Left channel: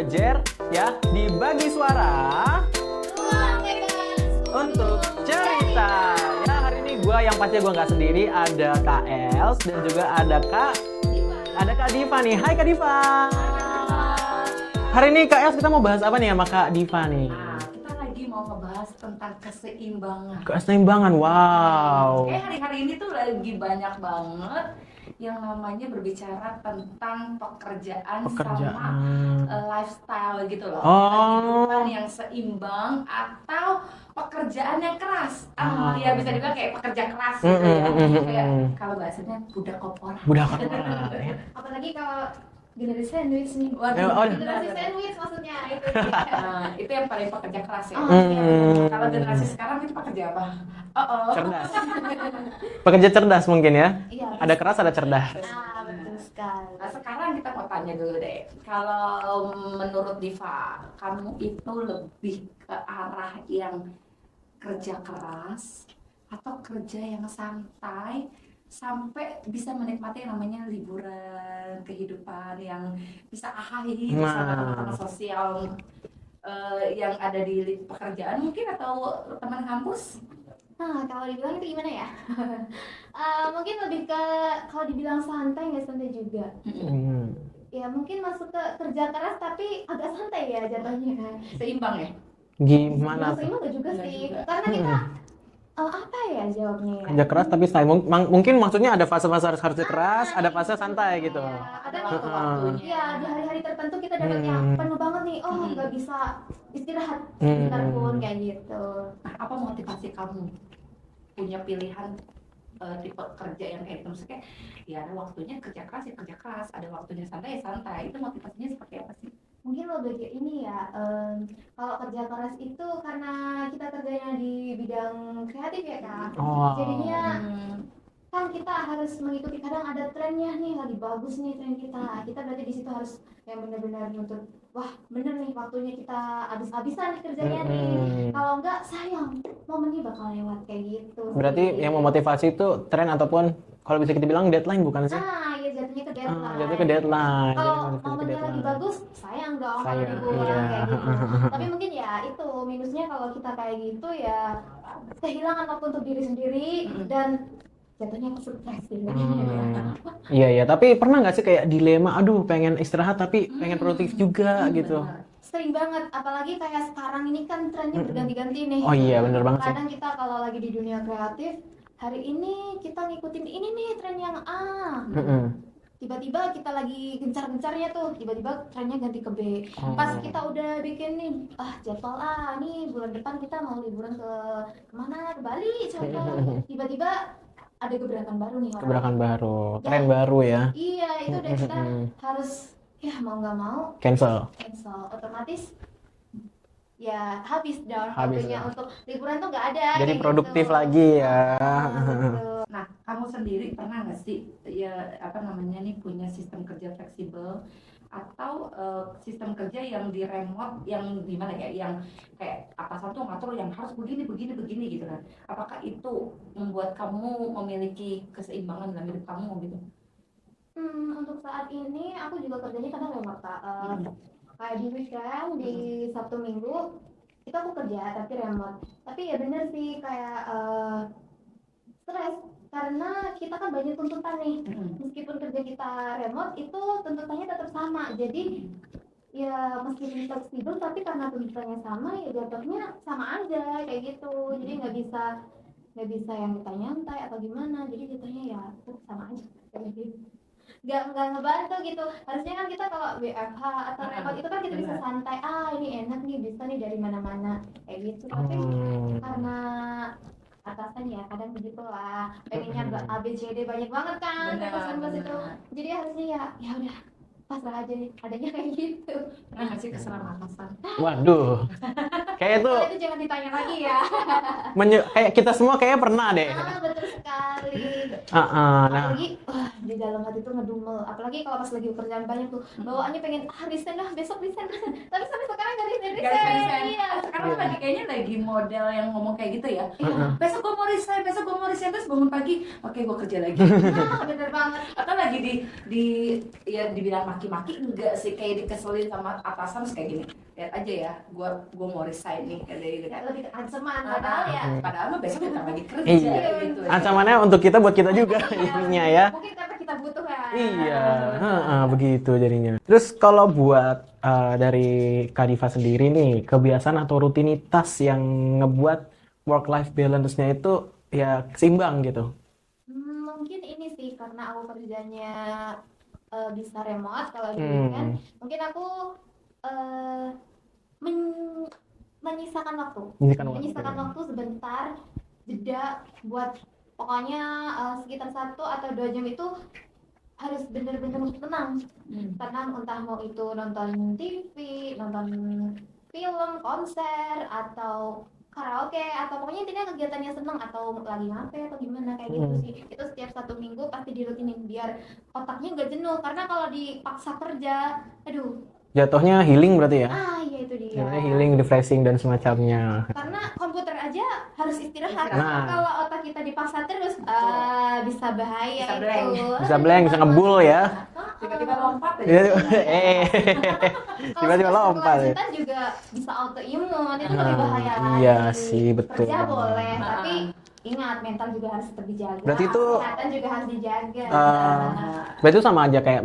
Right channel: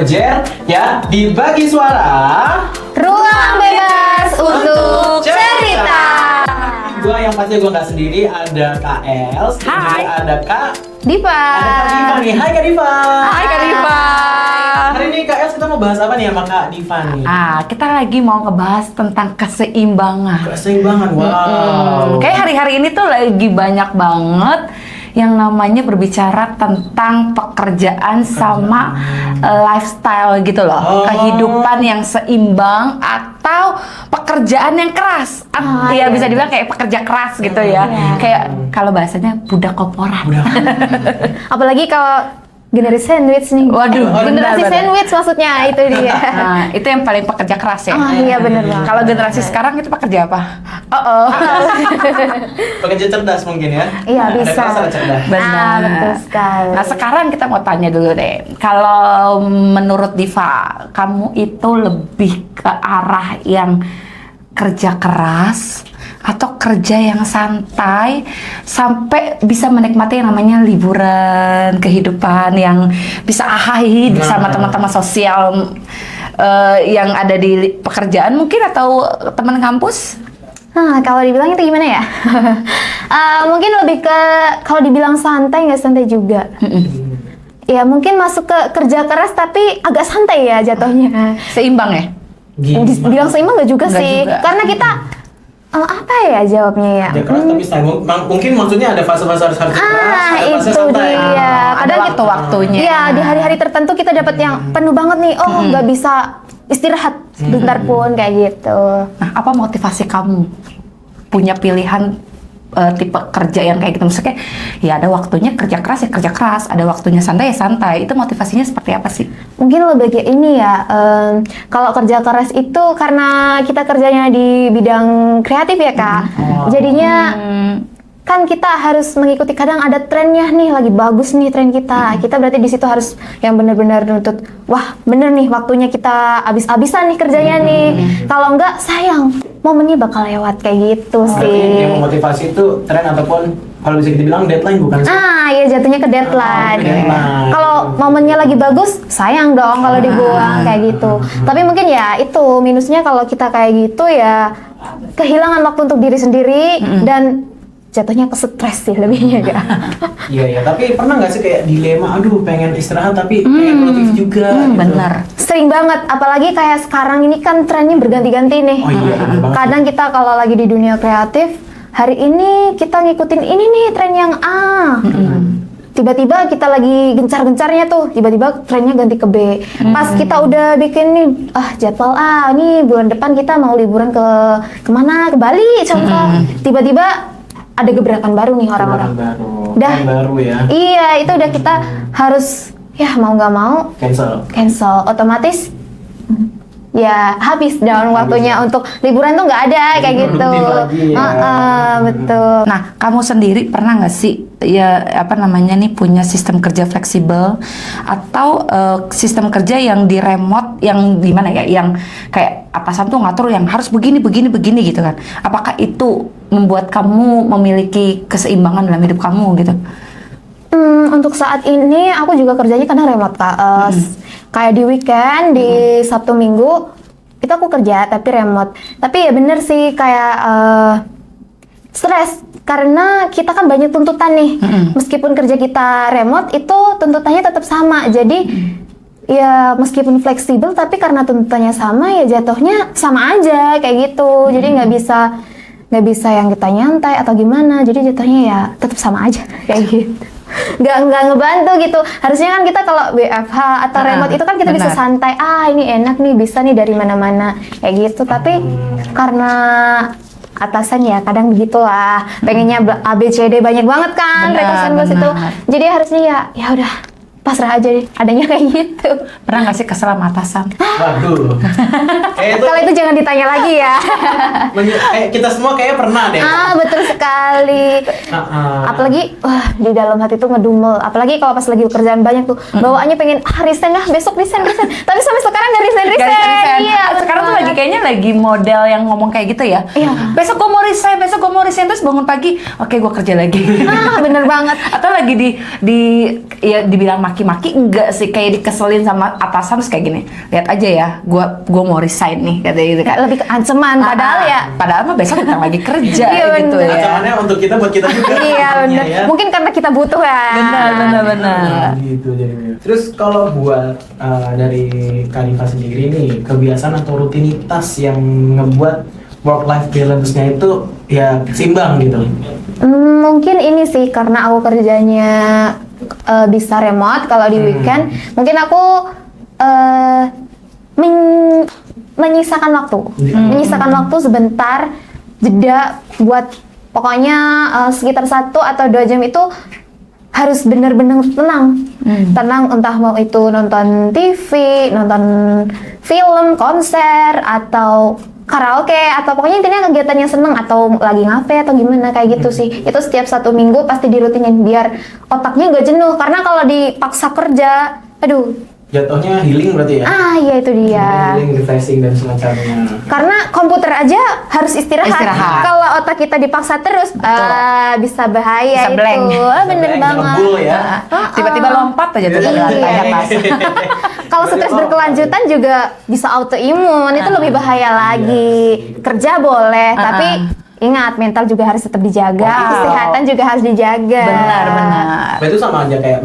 Wajar ya dibagi suara. Ruang bebas untuk cerita. Gua yang pasti gue nggak sendiri, ada Kak Els, dan juga ada Kak Diva. nih. Hai Kak Diva. Hai Kak Diva. Hari ini Kak Els kita mau bahas apa nih sama Kak Diva nih? Kita lagi mau ngebahas tentang keseimbangan. Keseimbangan, wow. Kayak hari-hari ini tuh lagi banyak banget yang namanya berbicara tentang pekerjaan sama lifestyle gitu loh. Oh. Kehidupan yang seimbang atau pekerjaan yang keras. Ya bisa dibilang kayak pekerja keras gitu ya. Kayak kalau bahasanya budak korporat. Apalagi kalau generasi sandwich nih. Waduh, generasi benar. sandwich maksudnya itu dia. Nah, itu yang paling pekerja keras ya. Iya benar banget. Kalau generasi sekarang itu pekerja apa? Pekerja cerdas mungkin ya? Iya, Ada bisa. keras, ada cerdas. Ah, betul sekali. Nah sekarang kita mau tanya dulu deh, kalau menurut Diva, kamu itu lebih ke arah yang kerja keras atau kerja yang santai sampai bisa menikmati yang namanya liburan, kehidupan yang bisa ahai bersama teman-teman sosial yang ada di pekerjaan mungkin atau teman kampus? Nah, kalau dibilang itu gimana ya? Mungkin lebih ke kalau dibilang santai nggak santai juga. Ya mungkin masuk ke kerja keras tapi agak santai ya jatuhnya. Seimbang ya? Dibilang seimbang nggak juga Nggak sih, juga. karena kita apa ya jawabnya ya? Dia keras tapi santai. Mungkin maksudnya ada fase-fase harus keras, ada fase Itu santai. dia. Ada Kadang waktu-waktunya. Iya, di hari-hari tertentu kita dapat yang penuh banget nih. Oh, nggak bisa istirahat sebentar pun kayak gitu. Nah, apa motivasi kamu punya pilihan tipe kerja yang kayak gitu? Maksudnya, ya ada waktunya kerja keras ya kerja keras, ada waktunya santai ya santai. Itu motivasinya seperti apa sih? Mungkin lebih kayak ini ya. Kalau kerja keras itu karena kita kerjanya di bidang kreatif ya Kak. Jadinya kan kita harus mengikuti, kadang ada trennya nih, lagi bagus nih tren kita. Kita berarti di situ harus yang benar-benar nuntut, wah bener nih waktunya kita abis-abisan nih kerjanya nih. Kalau enggak sayang, momennya bakal lewat kayak gitu Berarti sih. yang memotivasi itu tren ataupun kalau bisa dibilang deadline bukan sih? Ya jatuhnya ke deadline. Deadline. Kalau momennya lagi bagus, sayang dong kalau dibuang kayak gitu. Tapi mungkin ya itu minusnya kalau kita kayak gitu ya kehilangan waktu untuk diri sendiri dan jatuhnya ke stres sih lebihnya Kak. Iya, tapi pernah nggak sih kayak dilema, aduh pengen istirahat tapi pengen produktif juga gitu. Bener. Sering banget, apalagi kayak sekarang ini kan trennya berganti-ganti nih. Oh iya, bener banget. Kadang kita kalau lagi di dunia kreatif, hari ini kita ngikutin ini nih tren yang A. Tiba-tiba kita lagi gencar-gencarnya tuh, tiba-tiba trennya ganti ke B. Pas kita udah bikin nih, jadwal A, nih bulan depan kita mau liburan kemana? Ke Bali contoh. Tiba-tiba ada gebrakan baru nih orang-orang. Tren baru ya. Iya, itu udah kita harus ya mau nggak mau cancel. Otomatis ya habis dong waktunya untuk liburan tuh nggak ada kayak gitu. Produktif lagi ya. Betul. Nah, kamu sendiri pernah nggak sih ya nih punya sistem kerja fleksibel atau sistem kerja yang di remote yang gimana ya, yang kayak atasan tuh ngatur yang harus begini gitu kan? Apakah itu membuat kamu memiliki keseimbangan dalam hidup kamu gitu? Untuk saat ini aku juga kerjanya kadang remote Kak. Kayak di weekend, di Sabtu Minggu itu aku kerja tapi remote. Tapi ya bener sih kayak stres karena kita kan banyak tuntutan nih. Meskipun kerja kita remote itu tuntutannya tetap sama. Jadi ya meskipun fleksibel tapi karena tuntutannya sama ya jatuhnya sama aja kayak gitu. Jadi nggak bisa yang kita nyantai atau gimana. Jadi jatuhnya ya tetap sama aja kayak gitu. Nggak ngebantu gitu. Harusnya kan kita kalau WFH atau remote itu kan kita bisa santai. Ini enak nih, bisa nih dari mana-mana kayak gitu. Tapi karena atasan ya kadang begitulah, pengennya ABCD banyak banget kan rekasan bos itu. Jadi harusnya ya udah pasrah aja deh, adanya kayak gitu. Pernah nggak sih kesel sama atasan? Waduh. Kalau itu jangan ditanya lagi ya. Kita semua kayaknya pernah deh. Betul sekali. Apalagi di dalam hati tuh ngedumel. Apalagi kalau pas lagi kerjaan banyak tuh bawaannya pengen resign besok resign. Tapi sampai sekarang nggak resign. Iya. Sekarang tuh lagi kayaknya lagi model yang ngomong kayak gitu ya. Iya. Besok gue mau mau resign, besok gue mau resign, terus bangun pagi, oke gue kerja lagi. Nah, bener banget. Atau lagi ya dibilang maki-maki, enggak sih, kayak dikeselin sama atasan, terus kayak gini, lihat aja ya, gue mau resign nih, katanya gitu kan. Lebih ke ancaman, padahal ya. Padahal mah besok kita lagi kerja Iya, gitu bener. ya. Ancamannya untuk kita, buat kita juga. Iya benar. Ya. Mungkin karena kita butuh ya. Benar. Nah, gitu jadinya. Terus kalau buat dari Kak Diva sendiri nih, kebiasaan atau rutinitas yang ngebuat work-life balance-nya itu ya seimbang gitu? Mungkin ini sih karena aku kerjanya bisa remote kalau di weekend. Mungkin aku menyisakan waktu, sebentar jeda buat pokoknya sekitar 1 atau 2 jam itu harus benar-benar tenang, entah mau itu nonton TV, nonton film, konser, atau karaoke, atau pokoknya intinya kegiatan yang seneng, atau lagi ngafe atau gimana kayak gitu sih. Itu setiap 1 minggu pasti dirutinin biar otaknya nggak jenuh, karena kalau dipaksa kerja, aduh. Jatuhnya healing berarti ya? Iya itu dia. Healing, refreshing dan semacamnya. Karena komputer aja harus istirahat. Kalau otak kita dipaksa terus, bisa bahaya, Bisa blank. itu. Bener Bisa banget. ngebul ya. Tiba-tiba lompat aja tuh dari lantai atas. Kalau stres berkelanjutan juga bisa autoimun, itu lebih bahaya lagi. sih, betul. Kerja boleh, tapi ingat mental juga harus tetap dijaga, Wow. kesehatan juga harus dijaga. Benar. Nah, itu sama aja kayak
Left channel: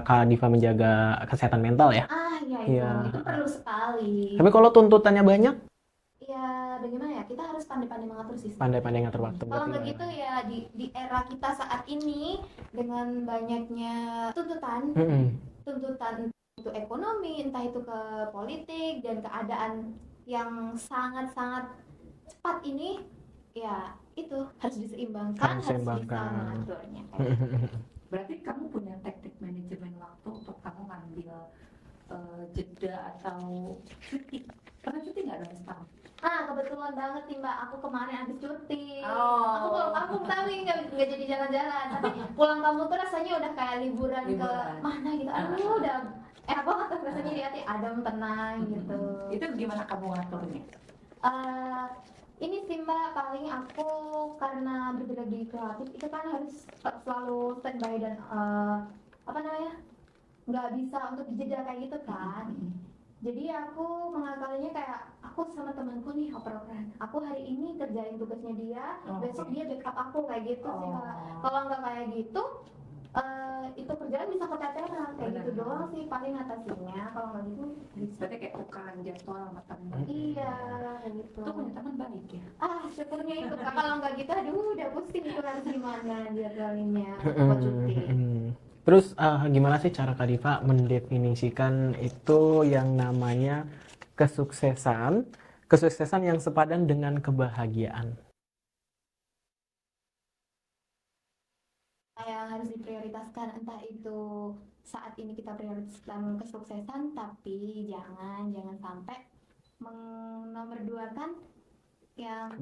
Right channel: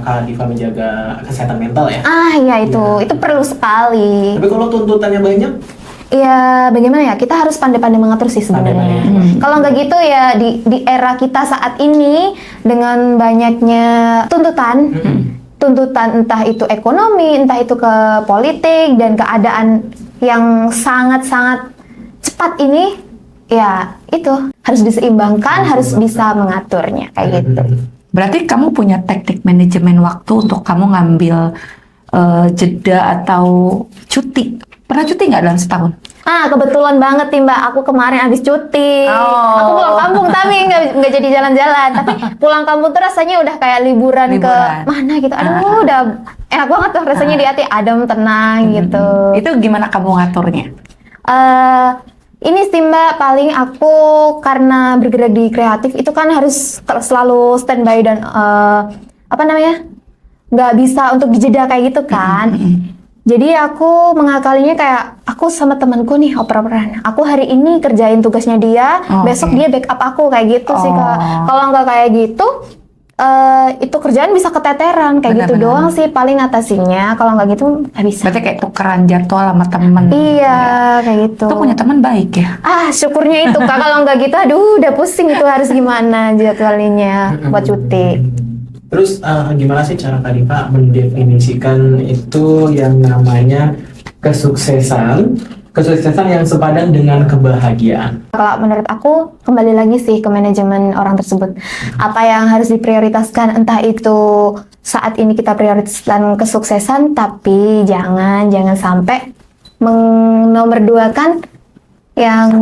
Kak Diva menjaga kesehatan mental ya? Iya itu perlu sekali. Tapi kalau tuntutannya banyak, Ya bagaimana ya, kita harus pandai-pandai mengatur sih sebenarnya. Kalau nggak gitu ya di era kita saat ini dengan banyaknya tuntutan, entah itu ekonomi, entah itu ke politik dan keadaan yang sangat-sangat cepat ini, ya itu harus diseimbangkan, harus bisa mengaturnya kayak gitu. Berarti kamu punya teknik manajemen waktu untuk kamu ngambil jeda atau cuti. Pernah cuti nggak dalam setahun? Kebetulan banget nih Mbak, aku kemarin habis cuti. Oh. Aku pulang kampung tapi nggak jadi jalan-jalan. Tapi pulang kampung tuh rasanya udah kayak liburan. Ke mana gitu. Aduh, udah enak banget tuh rasanya di hati, adem, tenang gitu. Itu gimana kamu ngaturnya? Ini sih Mbak, paling aku karena bergerak di kreatif itu kan harus selalu standby dan nggak bisa untuk dijeda kayak gitu kan. Jadi aku mengakalinya kayak aku sama temanku nih oper-operan. Aku hari ini kerjain tugasnya dia, besok dia backup aku kayak gitu sih Kak. Kalau nggak kayak gitu, itu kerjaan bisa keteteran kayak gitu doang sih paling atasinya. Kalau nggak gitu nggak bisa. Berarti kayak tukeran jadwal sama temen. Iya kayak gitu. Itu punya teman baik ya? Syukurnya itu Kak. Kalau nggak gitu, aduh udah pusing itu harus gimana jadwalnya buat cuti. Terus gimana sih cara Kak Diva mendefinisikan itu yang namanya kesuksesan yang sepadan dengan kebahagiaan? Kalau menurut aku kembali lagi sih ke manajemen orang tersebut. Apa yang harus diprioritaskan, entah itu saat ini kita prioritaskan kesuksesan, tapi jangan sampai menomorduakan yang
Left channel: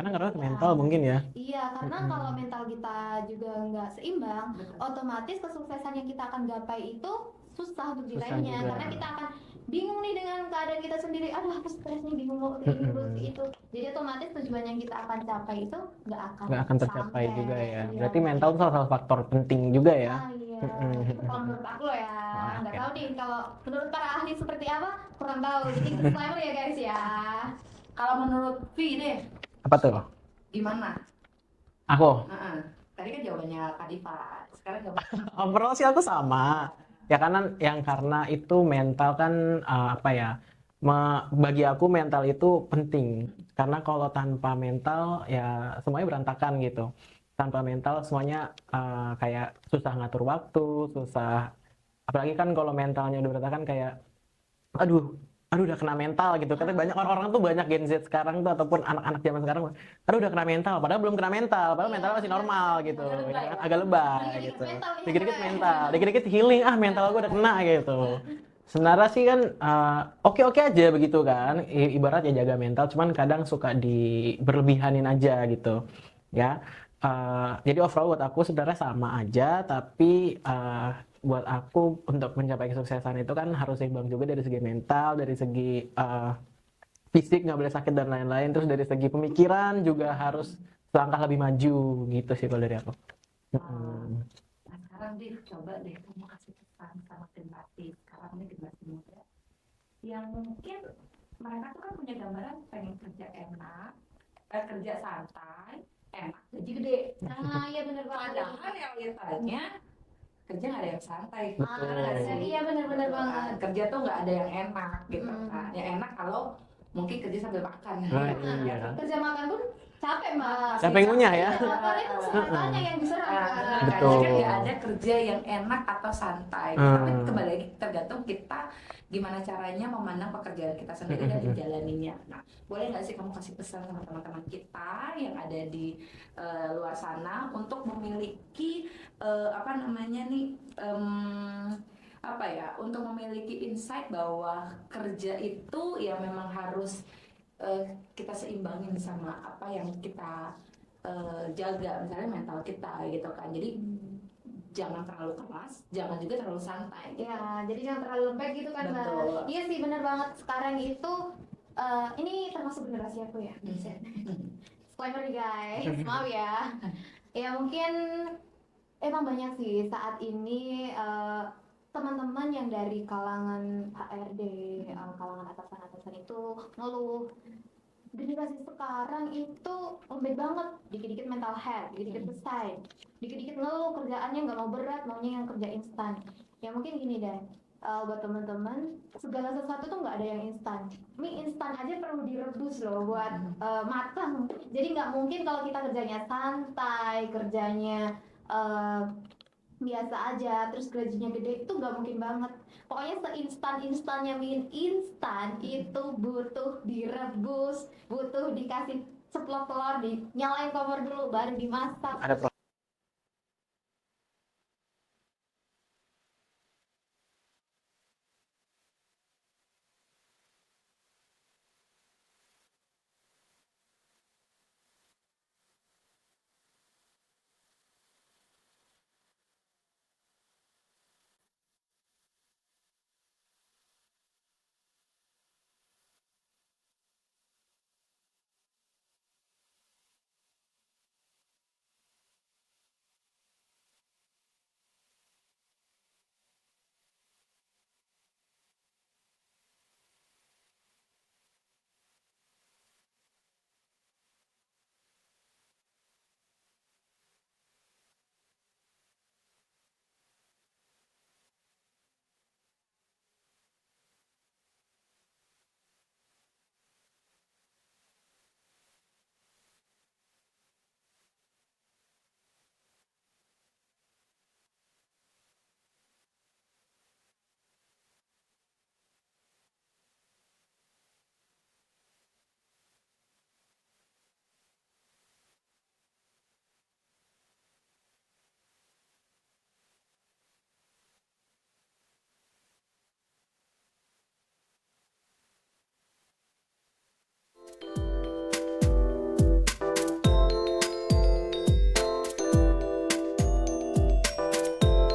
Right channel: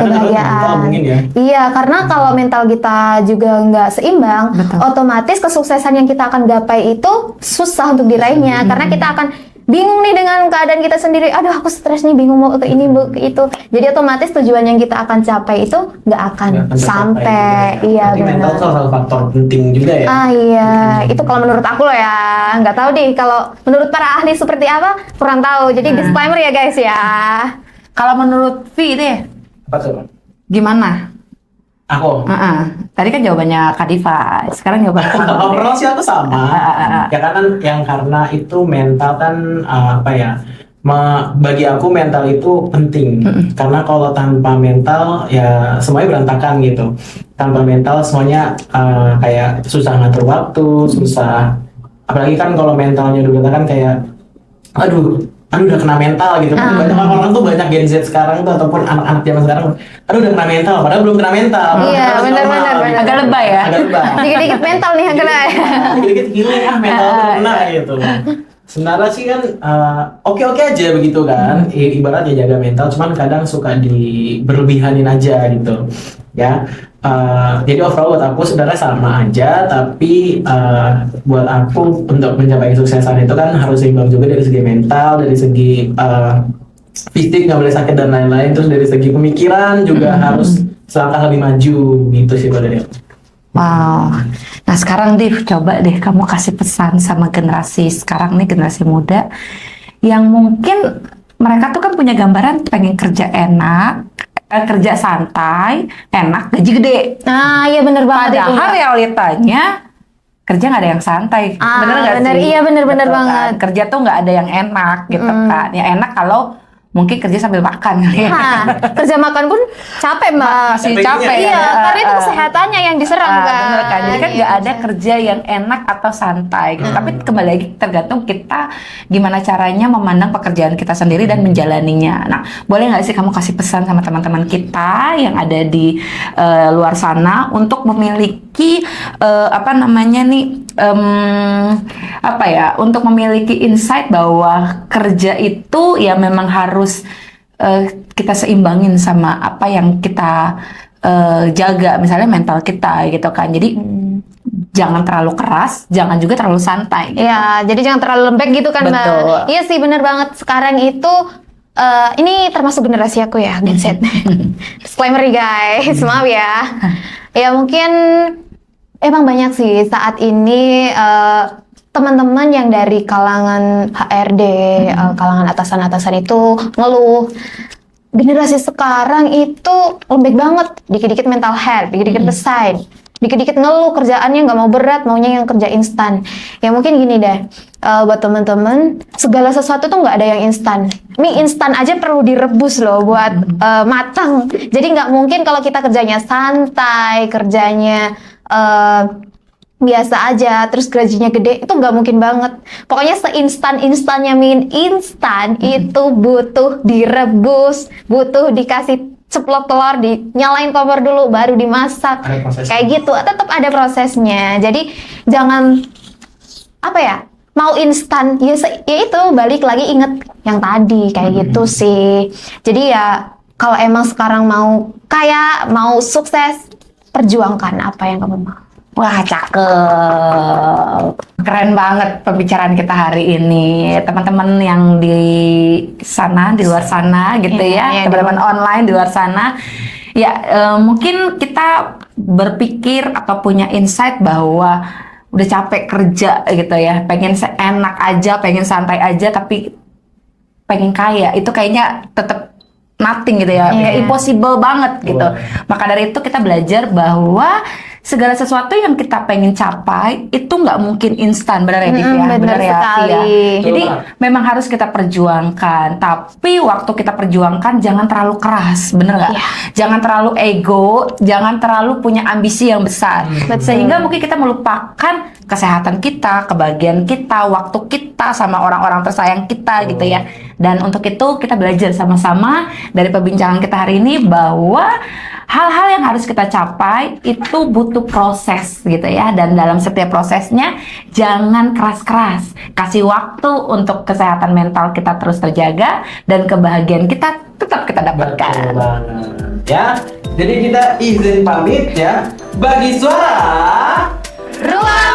kebahagiaan. Ya. Iya, karena kalau mental kita juga nggak seimbang, otomatis kesuksesan yang kita akan gapai itu susah untuk diraihnya. Karena kita akan bingung nih dengan keadaan kita sendiri. Aduh, aku stres nih, bingung mau ke ini, mau ke itu. Jadi otomatis tujuan yang kita akan capai itu nggak akan sampai. Iya, benar. Mental salah satu faktor penting juga ya. Iya, itu kalau menurut aku loh ya. Nggak tahu deh kalau menurut para ahli seperti apa, kurang tahu. Jadi disclaimer ya guys ya. Kalau menurut Vi deh, Apa tuh? gimana? Aku? Tadi kan jawabannya Kak Diva, sekarang jawaban kamu. Overall sih aku sama. Ya karena itu mental kan bagi aku mental itu penting. Karena kalau tanpa mental ya semuanya berantakan gitu. Tanpa mental semuanya kayak susah ngatur waktu, susah. Apalagi kan kalau mentalnya udah berantakan kayak aduh udah kena mental gitu kan. Banyak orang tuh, banyak Gen Z sekarang tuh ataupun anak-anak zaman sekarang udah kena mental padahal belum kena mental. Iya, benar. Agak lebay ya? Agak lebay. Dikit-dikit mental nih yang kena. Dikit-dikit healing mental tuh kena gitu. Sebenarnya sih kan oke-oke aja begitu kan. Ibaratnya jaga mental, cuman kadang suka berlebihanin aja gitu. Ya. Jadi overall buat aku sebenarnya sama aja, tapi buat aku untuk mencapai kesuksesan itu kan harus seimbang juga dari segi mental, dari segi fisik, nggak boleh sakit dan lain-lain. Terus dari segi pemikiran juga harus selangkah lebih maju gitu sih pada dia. Wow. Nah sekarang Div, coba deh kamu kasih pesan sama generasi sekarang nih, generasi muda yang mungkin mereka tuh kan punya gambaran pengen kerja enak, kerja santai, enak, gaji gede. Nah, iya bener banget itu. Padahal Mbak. realitanya kerja nggak ada yang santai, bener nggak bener, sih? iya bener-bener Betul banget. kan? Kerja tuh nggak ada yang enak gitu kan. Ya enak kalau mungkin kerja sambil makan kali ya. Nah, kerja makan pun capek Mbak. Masih Capeknya capek. Iya, ya. karena itu kesehatannya yang diserang kan. Bener kan, jadi kan Iya, nggak ada kerja yang enak atau santai gitu. Tapi kembali lagi tergantung kita gimana caranya memandang pekerjaan kita sendiri dan menjalaninya. Nah, boleh nggak sih kamu kasih pesan sama teman-teman kita yang ada di luar sana untuk memiliki apa namanya nih, apa ya, untuk memiliki insight bahwa kerja itu ya memang harus kita seimbangin sama apa yang kita jaga, misalnya mental kita gitu kan. Jadi jangan terlalu keras, jangan juga terlalu santai. Iya, jadi jangan terlalu lembek gitu kan Mbak. Betul. Iya sih bener banget. Sekarang itu ini termasuk generasi aku ya, Gen Z. Disclaimer nih guys, maaf ya. Ya mungkin emang banyak sih saat ini teman-teman yang dari kalangan HRD, kalangan atasan-atasan itu ngeluh. Generasi sekarang itu lembek banget, dikit-dikit mental health, dikit-dikit resign, dikit-dikit ngeluh kerjaannya nggak mau berat, maunya yang kerja instan. Ya mungkin gini deh, buat teman-teman, segala sesuatu tuh nggak ada yang instan. Mie instan aja perlu direbus loh buat matang. Jadi nggak mungkin kalau kita kerjanya santai, kerjanya biasa aja, terus gajinya gede, itu nggak mungkin banget. Pokoknya seinstan-instannya mie instan itu butuh direbus, butuh dikasih ceplok telur, dinyalain kompor dulu, baru dimasak. Ada prosesnya. Kayak gitu, tetap ada prosesnya. Jadi jangan apa ya, mau instan, ya itu balik lagi inget yang tadi kayak gitu sih. Jadi ya kalau emang sekarang mau kaya, mau sukses, perjuangkan apa yang kamu mau. Wah, cakep. Keren banget pembicaraan kita hari ini. Teman-teman yang di sana, di luar sana gitu Iya, ya. Teman-teman online di luar sana. Ya, mungkin kita berpikir atau punya insight bahwa udah capek kerja gitu ya. Pengen enak aja, pengen santai aja, tapi pengen kaya. Itu kayaknya tetap nothing gitu ya. Kayak impossible banget gitu. Maka dari itu kita belajar bahwa segala sesuatu yang kita pengen capai itu nggak mungkin instan, benar ya Div ya? Benar ya, sekali. Tia? Jadi memang harus kita perjuangkan, tapi waktu kita perjuangkan jangan terlalu keras, bener nggak? Iya. Jangan terlalu ego, jangan terlalu punya ambisi yang besar, sehingga mungkin kita melupakan kesehatan kita, kebahagiaan kita, waktu kita sama orang-orang tersayang kita gitu ya. Dan untuk itu kita belajar sama-sama dari perbincangan kita hari ini bahwa hal-hal yang harus kita capai itu butuh proses gitu ya, dan dalam setiap prosesnya jangan keras-keras, kasih waktu untuk kesehatan mental kita terus terjaga dan kebahagiaan kita tetap kita dapatkan. Betul banget ya. Jadi kita izin pamit ya. Bagi suara Ruang